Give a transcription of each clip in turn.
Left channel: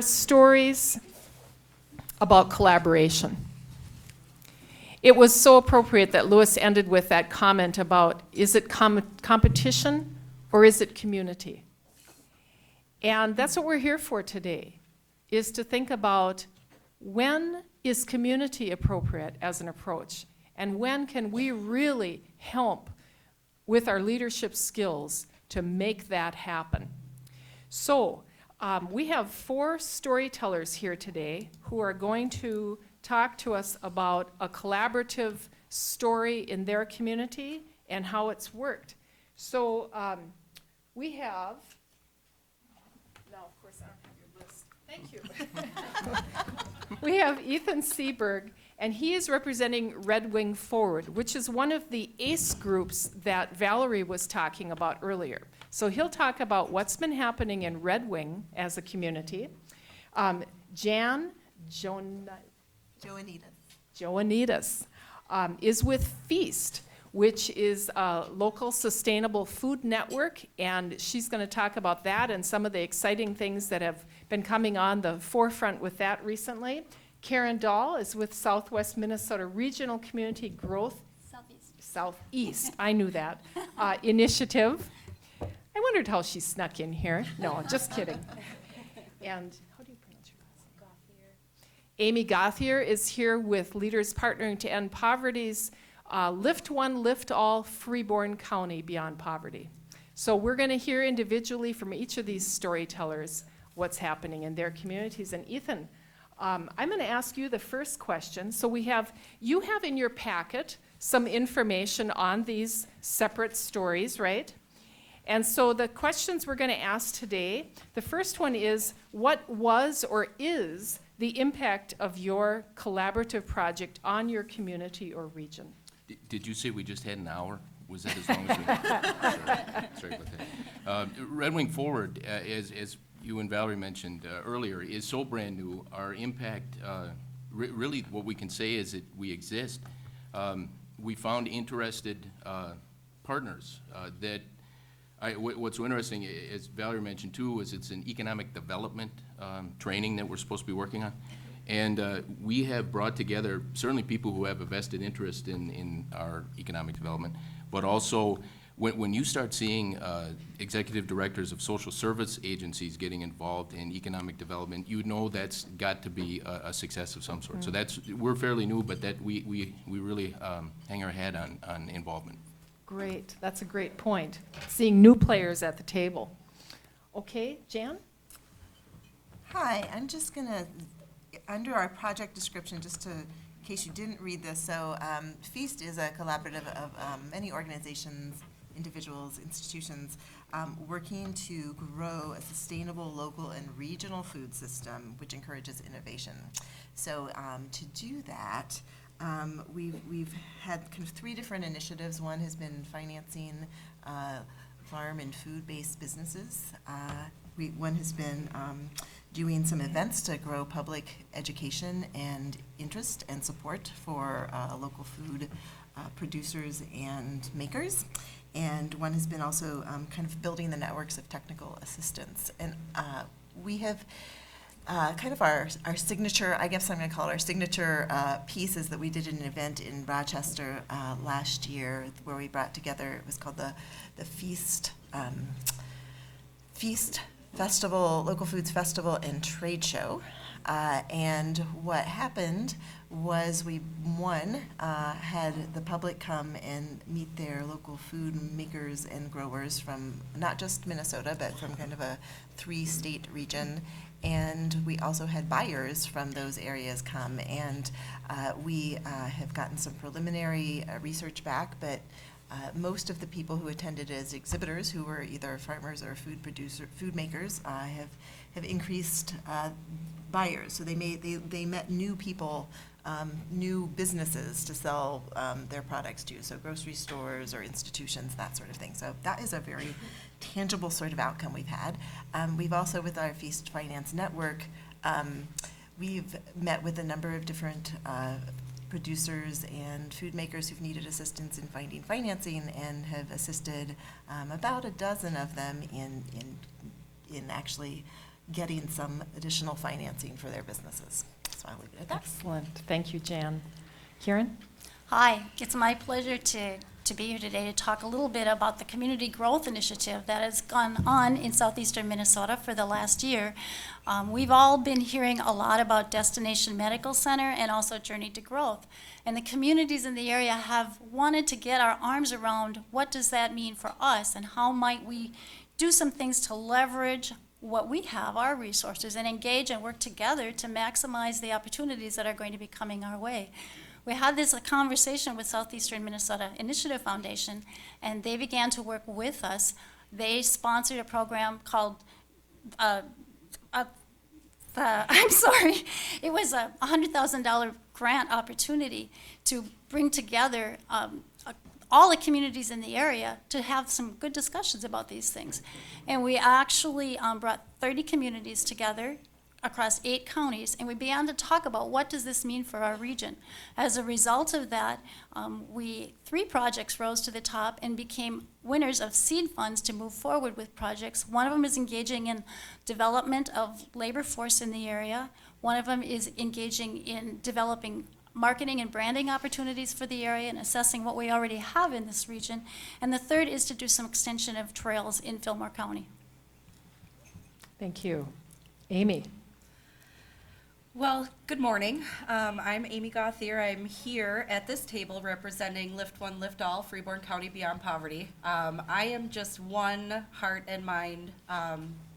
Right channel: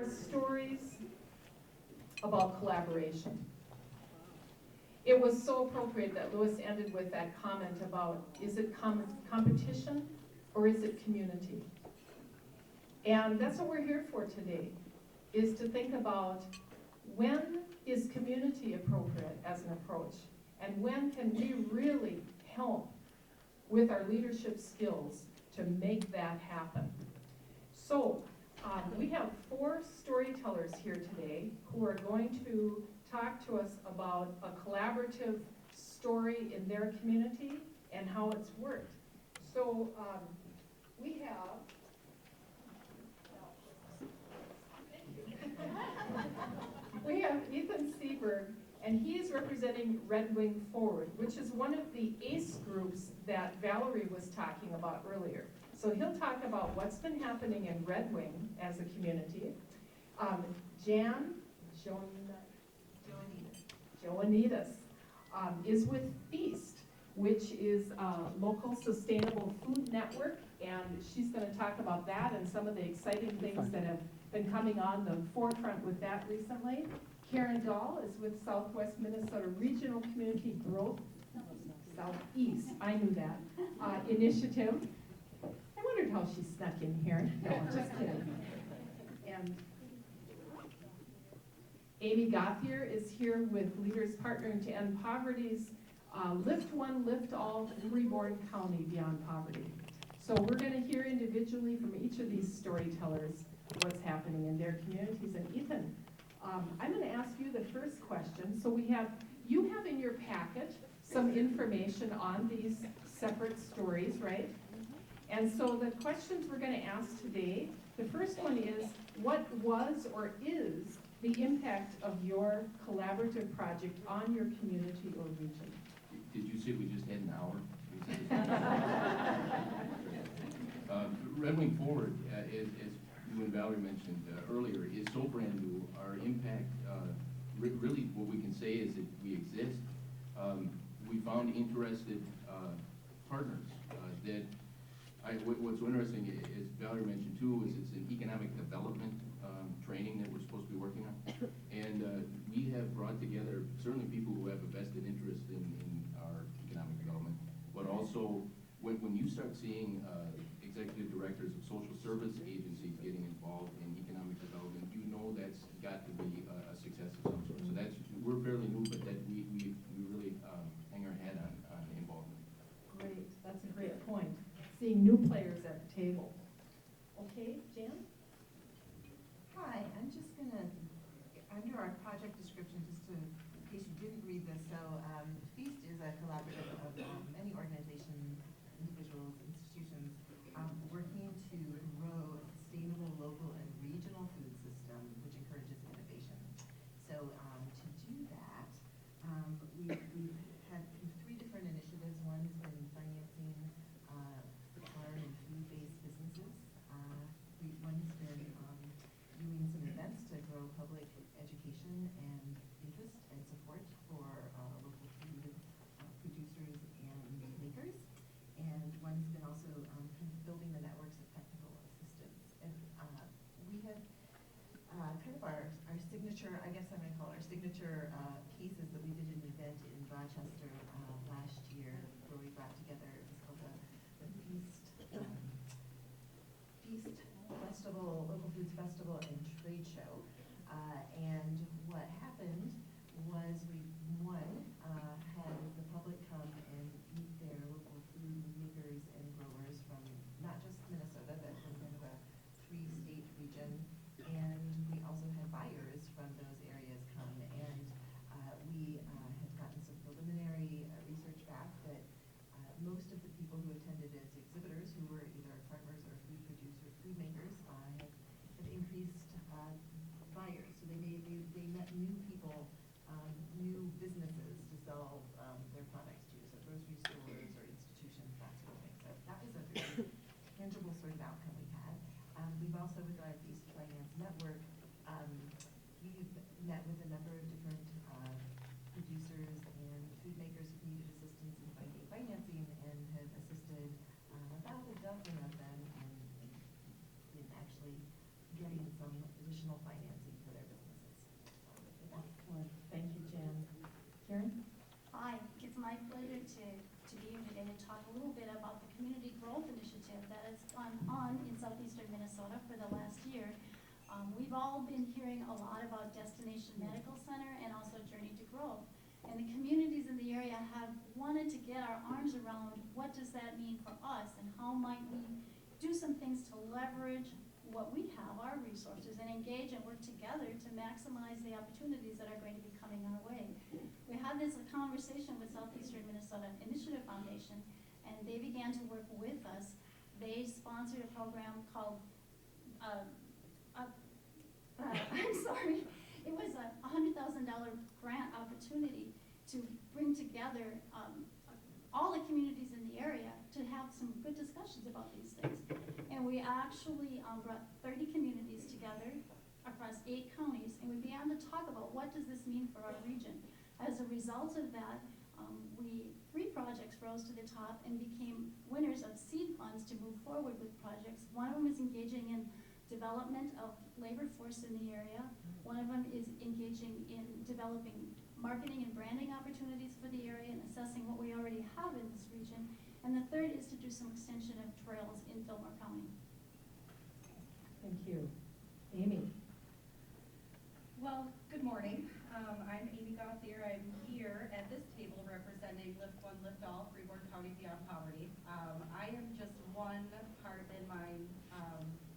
Stories about collaboration. It was so appropriate that Lewis ended with that comment about, is it competition or is it community? And that's what we're here for today, is to think about when is community appropriate as an approach, and when can we really help with our leadership skills to make that happen. So, we have 4 storytellers here today who are going to talk to us about a collaborative story in their community and how it's worked. So we have, now of course thank you. We have Ethan Seberg, and he is representing Red Wing Forward, which is one of the ACE groups that Valerie was talking about earlier. So he'll talk about what's been happening in Red Wing as a community. Joanitas is with Feast, which is a local sustainable food network, and she's going to talk about that and some of the exciting things that have been coming on the forefront with that recently. Karen Dahl is with Southwest Minnesota Regional Community Growth Southeast, I knew that, initiative. I wondered how she snuck in here. No, I'm just kidding. And Amy Gothier is here with Leaders Partnering to End Poverty's Lift One, Lift All, Freeborn County Beyond Poverty. So we're going to hear individually from each of these storytellers what's happening in their communities. And Ethan, I'm going to ask you the first question. So you have in your packet some information on these separate stories, right? And so the questions we're going to ask today, the first one is, what was or is the impact of your collaborative project on your community or region? Did you say we just had an hour? Was that as long as we Sorry about that. Red Wing Forward, as you and Valerie mentioned earlier, is so brand new. Our impact, really what we can say is that we exist. We found interested partners that what's so interesting, as Valerie mentioned too, is it's an economic development training that we're supposed to be working on. And we have brought together certainly people who have a vested interest in our economic development, but also when you start seeing executive directors of social service agencies getting involved in economic development, you know that's got to be a success of some sort. Mm-hmm. So we're fairly new, but that we really hang our hat on involvement. Great, that's a great point. Seeing new players at the table. Okay, Jan? Hi, I'm just going to, under our project description, just in case you didn't read this, so Feast is a collaborative of many organizations, individuals, institutions, working to grow a sustainable local and regional food system which encourages innovation. So to do that, we've had kind of 3 different initiatives. One has been financing farm and food-based businesses. One has been doing some events to grow public education and interest and support for local food producers and makers. And one has been also kind of building the networks of technical assistance. And we have kind of our signature, I guess I'm going to call it our signature piece, is that we did an event in Rochester last year where we brought together, it was called the Feast Festival, Local Foods Festival and Trade Show. And what happened was we, had the public come and meet their local food makers and growers from not just Minnesota, but from kind of a 3-state region. And we also had buyers from those areas come, and we have gotten some preliminary research back, but most of the people who attended as exhibitors, who were either farmers or food makers, have increased buyers. So they met new people, new businesses to sell their products to, so grocery stores or institutions, that sort of thing. So that is a very tangible sort of outcome we've had. We've also, with our Feast Finance Network, we've met with a number of different producers and food makers who've needed assistance in finding financing, and have assisted about a dozen of them in actually getting some additional financing for their businesses. So I'll leave it at that. Excellent. Thank you, Jan. Karen? Hi, it's my pleasure to be here today to talk a little bit about the Community Growth Initiative that has gone on in southeastern Minnesota for the last year. We've all been hearing a lot about Destination Medical Center and also Journey to Growth. And the communities in the area have wanted to get our arms around what does that mean for us and how might we do some things to leverage what we have, our resources, and engage and work together to maximize the opportunities that are going to be coming our way. We had this conversation with Southeastern Minnesota Initiative Foundation, and they began to work with us. They sponsored a program called, I'm sorry, it was a $100,000 grant opportunity to bring together all the communities in the area to have some good discussions about these things. And we actually brought 30 communities together across 8 counties, and we began to talk about what does this mean for our region. As a result of that, 3 projects rose to the top and became winners of seed funds to move forward with projects. One of them is engaging in development of labor force in the area. One of them is engaging in developing marketing and branding opportunities for the area and assessing what we already have in this region. And the third is to do some extension of trails in Fillmore County. Thank you. Amy? Well, good morning. I'm Amy Gauthier. I'm here at this table representing Lift One, Lift All, Freeborn County Beyond Poverty. I am just one heart and mind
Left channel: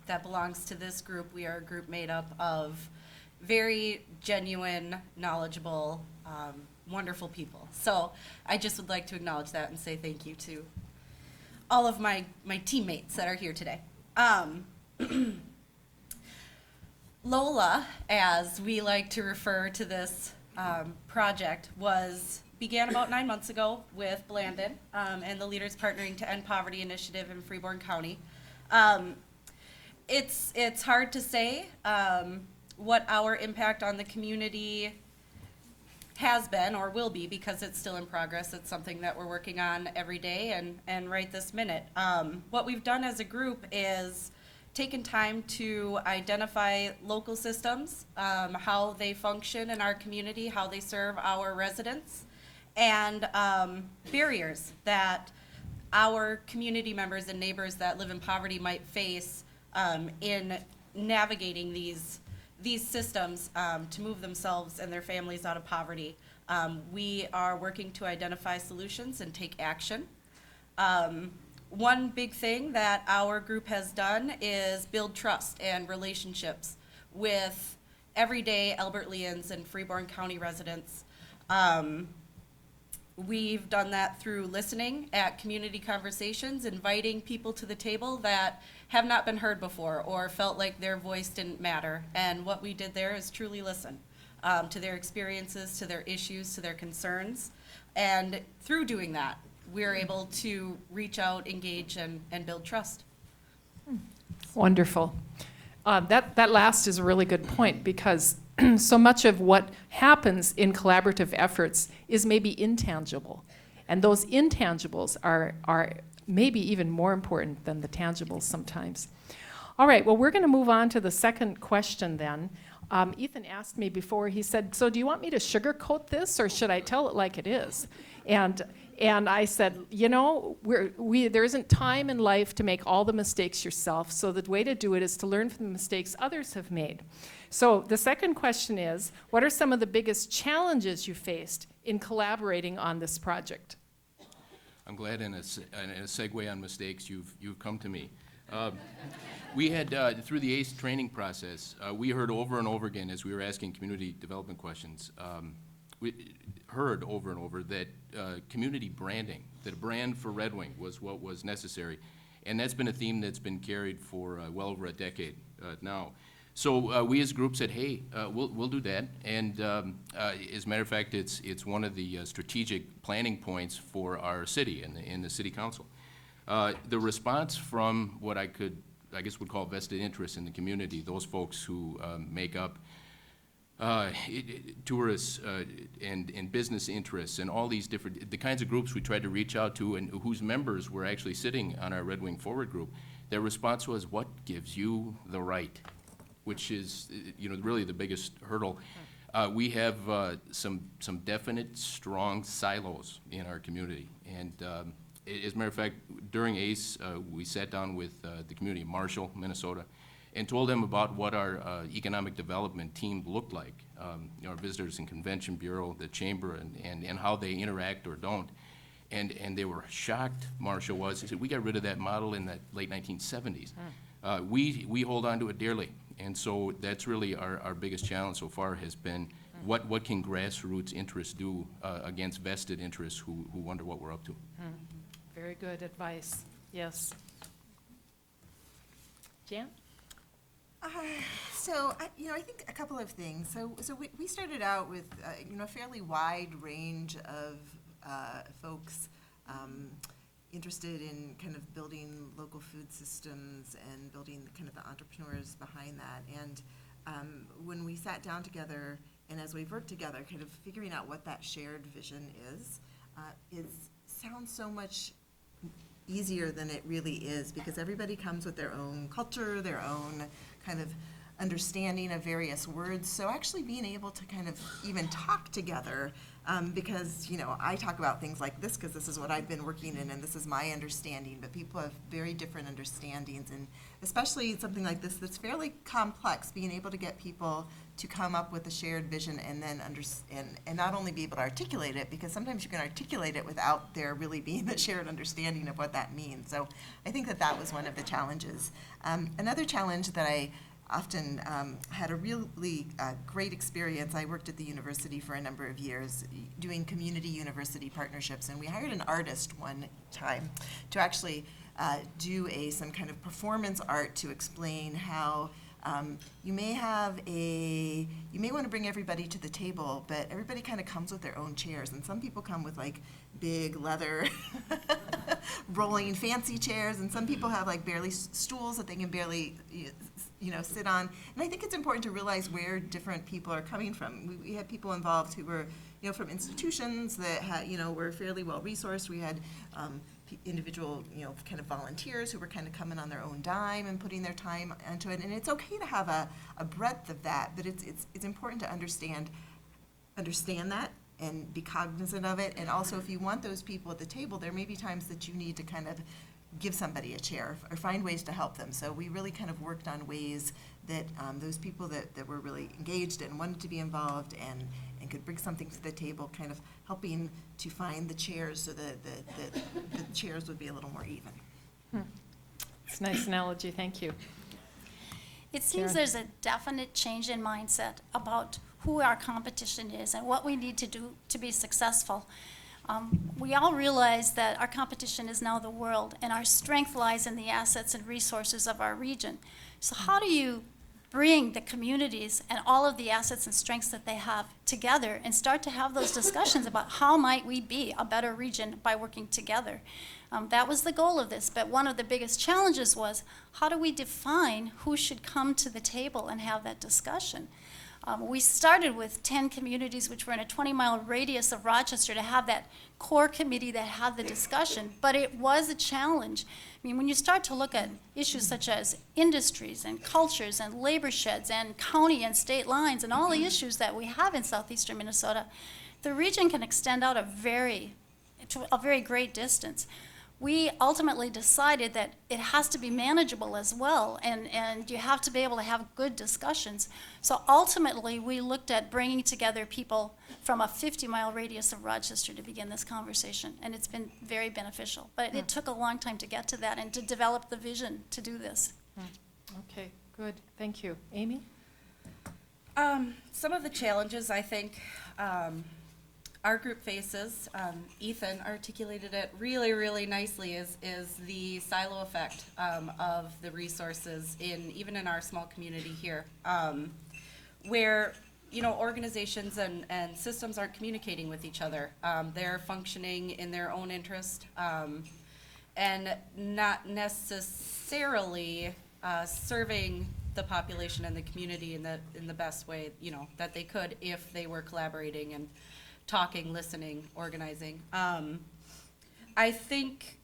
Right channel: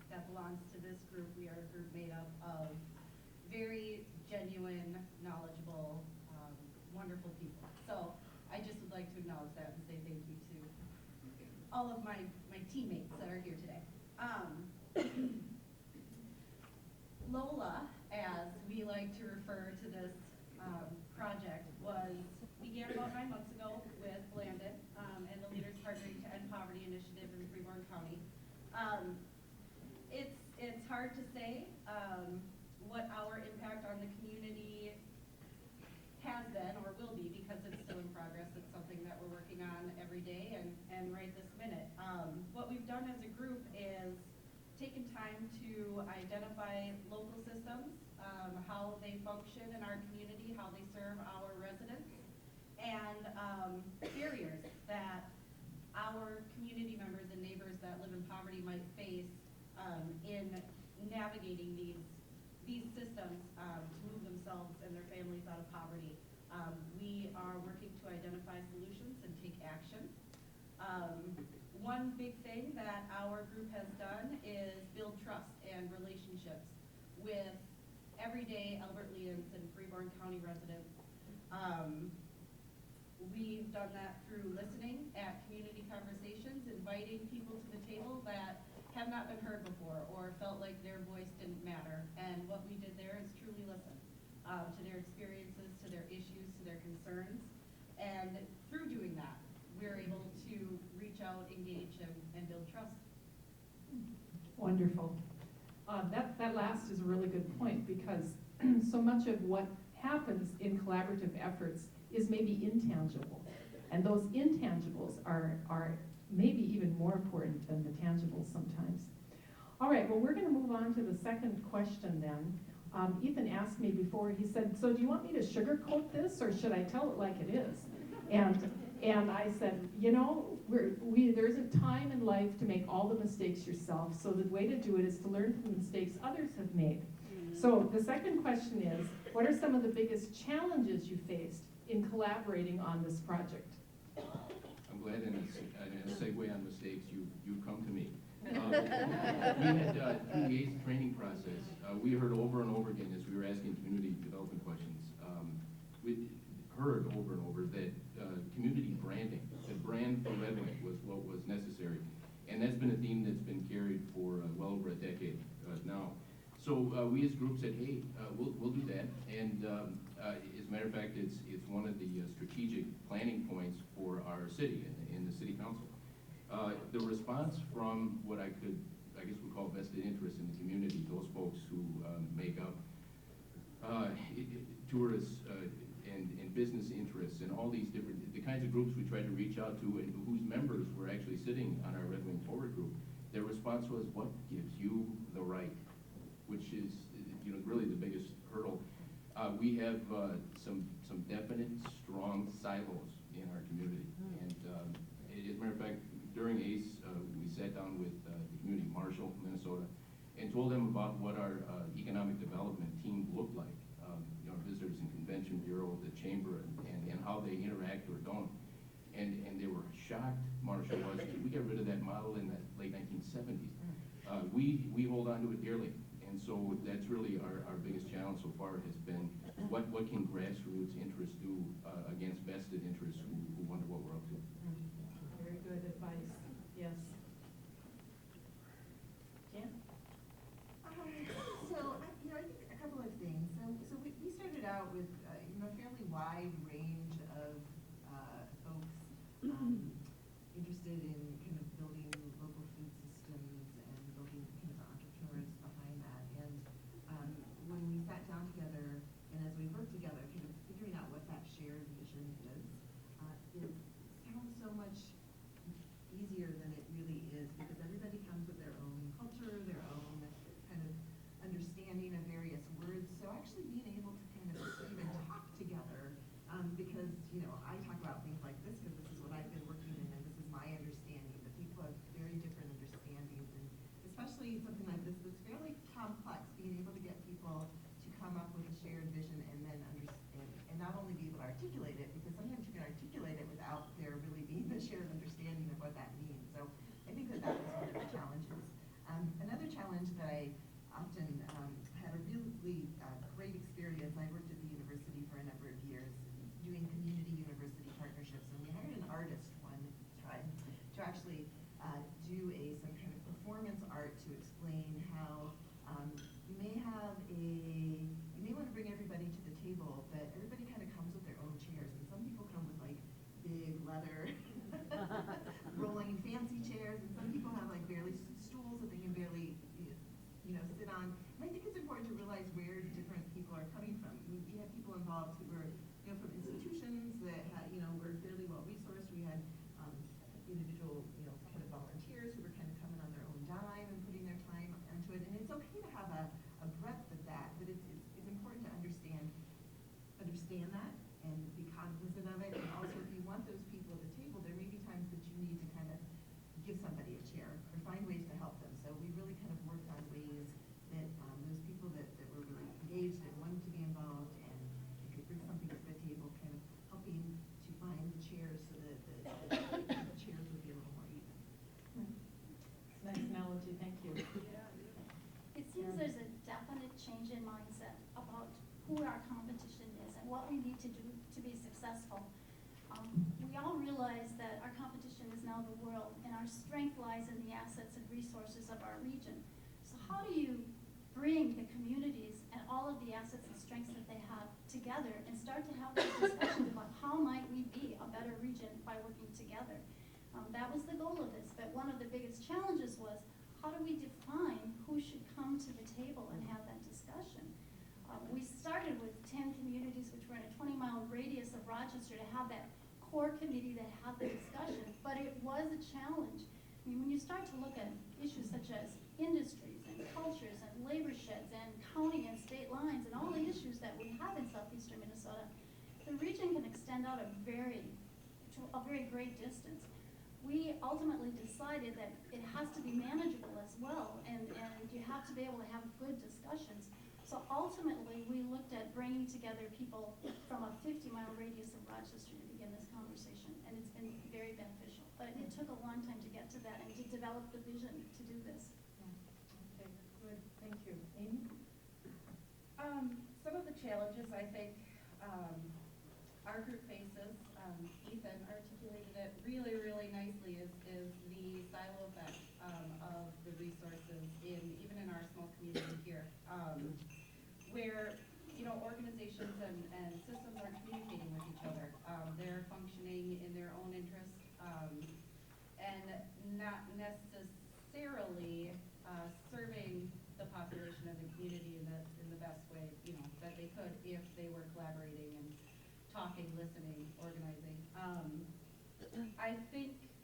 that belongs to this group. We are a group made up of very genuine, knowledgeable, wonderful people. So I just would like to acknowledge that and say thank you to all of my teammates that are here today. Lola, as we like to refer to this project, began about 9 months ago with Blandon and the Leaders Partnering to End Poverty Initiative in Freeborn County. It's hard to say what our impact on the community has been or will be because it's still in progress. It's something that we're working on every day and right this minute. What we've done as a group is taken time to identify local systems, how they function in our community, how they serve our residents, and barriers that our community members and neighbors that live in poverty might face in navigating these systems to move themselves and their families out of poverty. We are working to identify solutions and take action. One big thing that our group has done is build trust and relationships with everyday Albertlians and Freeborn County residents. We've done that through listening at community conversations, inviting people to the table that have not been heard before or felt like their voice didn't matter. And what we did there is truly listen to their experiences, to their issues, to their concerns. And through doing that, we're able to reach out, engage, and build trust. Wonderful. That last is a really good point because so much of what happens in collaborative efforts is maybe intangible. And those intangibles are maybe even more important than the tangibles sometimes. All right, well, we're going to move on to the second question then. Ethan asked me before, he said, so do you want me to sugarcoat this or should I tell it like it is? And I said, you know, there isn't time in life to make all the mistakes yourself, so the way to do it is to learn from the mistakes others have made. So the second question is, what are some of the biggest challenges you faced in collaborating on this project? I'm glad in a segue on mistakes, you've come to me. We had, through the ACE training process, we heard over and over again as we were asking community development questions, we heard over and over that community branding, that brand for Red Wing was what was necessary. And that's been a theme that's been carried for well over a decade now. So we as a group said, hey, we'll do that. And as a matter of fact, it's one of the strategic planning points for our city and the city council. The response from what I guess would call vested interest in the community, those folks who make up tourists and business interests and all these different, the kinds of groups we tried to reach out to and whose members were actually sitting on our Red Wing Forward group, their response was, what gives you the right which is, really the biggest hurdle. We have some definite, strong silos in our community. And as a matter of fact, during ACE, we sat down with the community of Marshall, Minnesota, and told them about what our economic development team looked like. Our Visitors and Convention Bureau, the Chamber, and how they interact or don't. And they were shocked, Marshall was. He said, we got rid of that model in the late 1970s. We hold on to it dearly. And so that's really our biggest challenge so far has been what can grassroots interests do against vested interests who wonder what we're up to. Very good advice, yes. Jan? I think a couple of things. So we started out with, a fairly wide range of folks interested in kind of building local food systems and building kind of the entrepreneurs behind that. And when we sat down together, and as we've worked together, kind of figuring out what that shared vision is sounds so much easier than it really is, because everybody comes with their own culture, their own kind of understanding of various words. So actually being able to kind of even talk together, because, I talk about things like this because this is what I've been working in and this is my understanding, but people have very different understandings, and especially something like this that's fairly complex, being able to get people to come up with a shared vision and then and not only be able to articulate it, because sometimes you can articulate it without there really being a shared understanding of what that means. So I think that was one of the challenges. Another challenge that I often had a really great experience. I worked at the university for a number of years doing community university partnerships, and we hired an artist one time to actually do some kind of performance art to explain how you may want to bring everybody to the table, but everybody kind of comes with their own chairs, and some people come with like big leather rolling fancy chairs, and some people have like barely stools that they can barely sit on. And I think it's important to realize where different people are coming from. We had people involved who were, from institutions that were fairly well resourced. We had individual, kind of volunteers who were kind of coming on their own dime and putting their time into it. And it's okay to have a breadth of that, but it's important to understand that and be cognizant of it. And also, if you want those people at the table, there may be times that you need to kind of give somebody a chair or find ways to help them. So we really kind of worked on ways that those people that were really engaged and wanted to be involved and could bring something to the table, kind of helping to find the chairs so that the chairs would be a little more even. It's a nice analogy, thank you. It seems Karen? there's a definite change in mindset about who our competition is and what we need to do to be successful. We all realize that our competition is now the world, and our strength lies in the assets and resources of our region. So how do you bring the communities and all of the assets and strengths that they have together and start to have those discussions about how might we be a better region by working together? That was the goal of this, but one of the biggest challenges was how do we define who should come to the table and have that discussion? We started with 10 communities which were in a 20-mile radius of Rochester to have that core committee that had the discussion, but it was a challenge. I mean, when you start to look at issues such as industries and cultures and labor sheds and county and state lines and all the issues that we have in southeastern Minnesota, the region can extend out to a very great distance. We ultimately decided that it has to be manageable as well, and you have to be able to have good discussions. So ultimately, we looked at bringing together people from a 50-mile radius of Rochester to begin this conversation, and it's been very beneficial. But it took a long time to get to that and to develop the vision to do this. Okay, good, thank you. Amy? Some of the challenges I think our group faces, Ethan articulated it really, really nicely, is the silo effect of the resources even in our small community here, where organizations and systems aren't communicating with each other. They're functioning in their own interest and not necessarily serving the population and the community in the best way that they could if they were collaborating and talking, listening, organizing. I think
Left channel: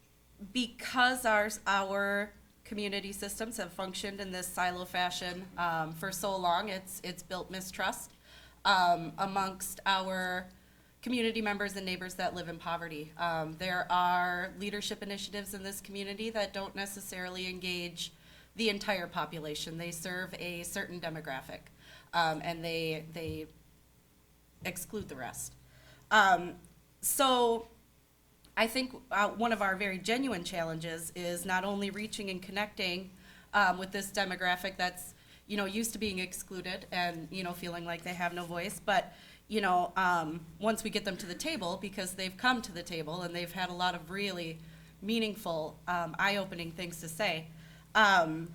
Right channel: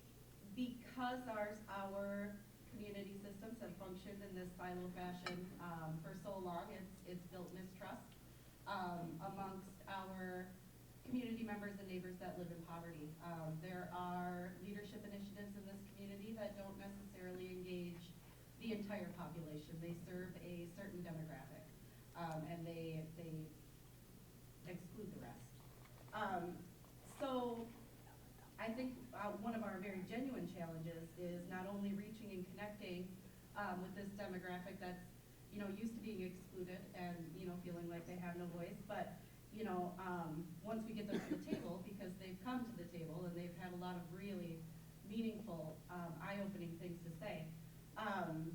because our community systems have functioned in this silo fashion for so long. It's built mistrust amongst our community members and neighbors that live in poverty. There are leadership initiatives in this community that don't necessarily engage the entire population. They serve a certain demographic, and they exclude the rest. So I think one of our very genuine challenges is not only reaching and connecting with this demographic that's, used to being excluded and, feeling like they have no voice, but, once we get them to the table, because they've come to the table and they've had a lot of really meaningful, eye-opening things to say, one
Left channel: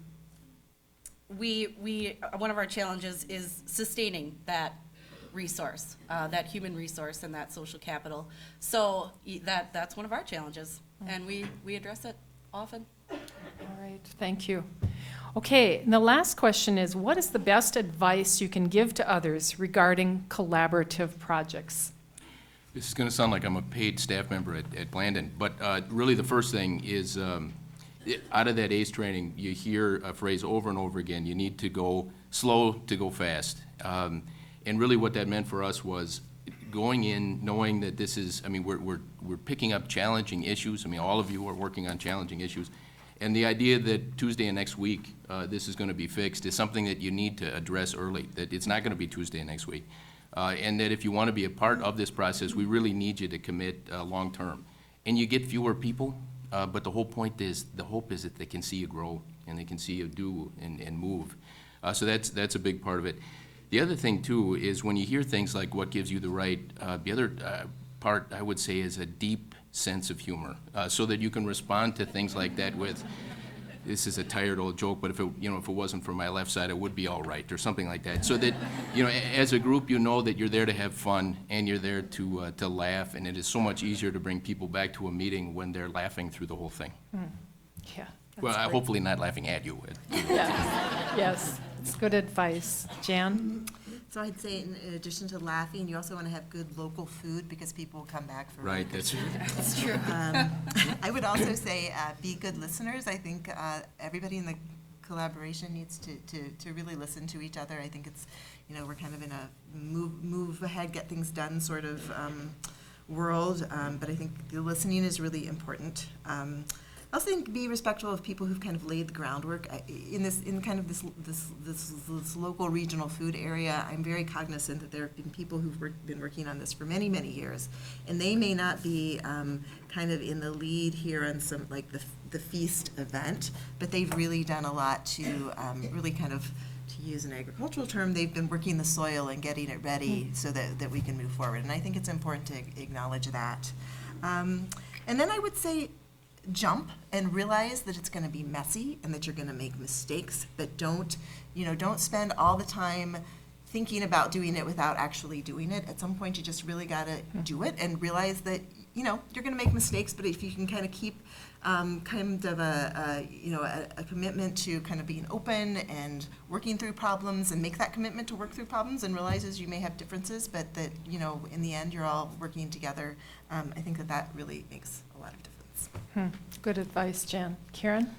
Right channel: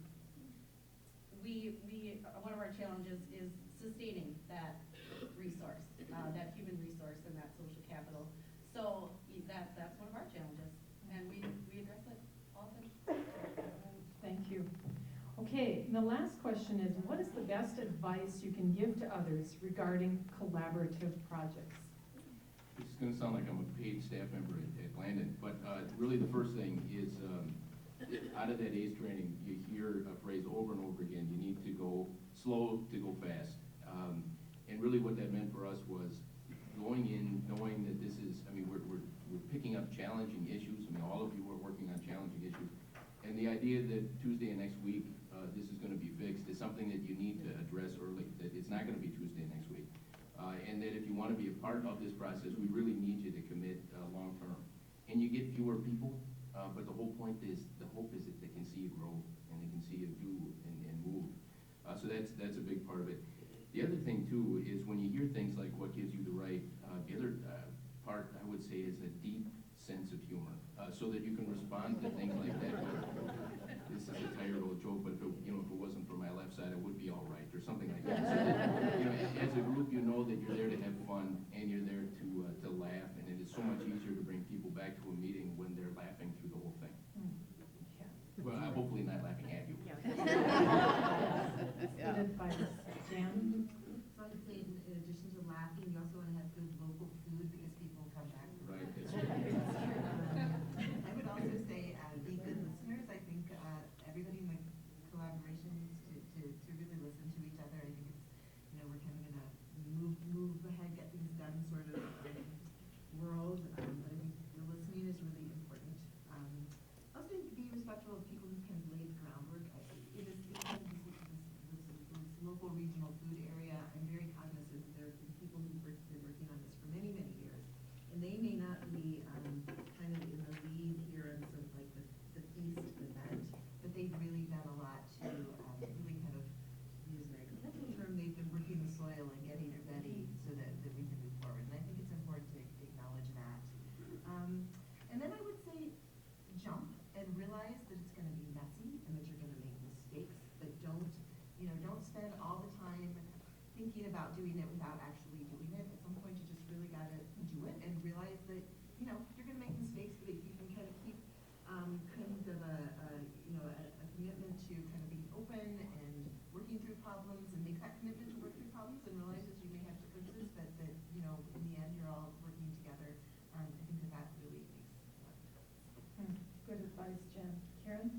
of our challenges is sustaining that resource, that human resource and that social capital. So that's one of our challenges, and we address it often. All right, thank you. Okay, and the last question is, what is the best advice you can give to others regarding collaborative projects? This is going to sound like I'm a paid staff member at Blandon, but really the first thing is, out of that ACE training, you hear a phrase over and over again: you need to go slow to go fast. And really what that meant for us was going in knowing that this is, we're picking up challenging issues. All of you are working on challenging issues. And the idea that Tuesday and next week this is going to be fixed is something that you need to address early, that it's not going to be Tuesday and next week. And that if you want to be a part of this process, we really need you to commit long term. And you get fewer people, but the whole point is, the hope is that they can see you grow and they can see you do and move. So that's a big part of it. The other thing too is when you hear things like what gives you the right, the other part I would say is a deep sense of humor, so that you can respond to things like that with, this is a tired old joke, but if it wasn't for my left side, it would be all right, or something like that. So that, as a group, that you're there to have fun and you're there to laugh, and it is so much easier to bring people back to a meeting when they're laughing through the whole thing. Yeah. Well, hopefully not laughing at you. Yes, it's good advice. Jan? So I'd say in addition to laughing, you also want to have good local food because people will come back for Right, that's true. That's true. I would also say be good listeners. I think everybody in the collaboration needs to really listen to each other. I think it's, we're kind of in a move ahead, get things done sort of world, but I think the listening is really important. I also think be respectful of people who've kind of laid the groundwork in kind of this local regional food area. I'm very cognizant that there have been people who've been working on this for many, many years, and they may not be kind of in the lead here on some like the feast event, but they've really done a lot to really kind of, to use an agricultural term, they've been working the soil and getting it ready so that we can move forward. And I think it's important to acknowledge that. And then I would say, jump and realize that it's going to be messy and that you're going to make mistakes, but don't spend all the time thinking about doing it without actually doing it. At some point, you just really got to do it and realize that, you're going to make mistakes, but if you can kind of keep kind of a commitment to kind of being open and working through problems and make that commitment to work through problems and realizes you may have differences, but that, in the end, you're all working together, I think that really makes a lot of difference. Good advice, Jan. Karen?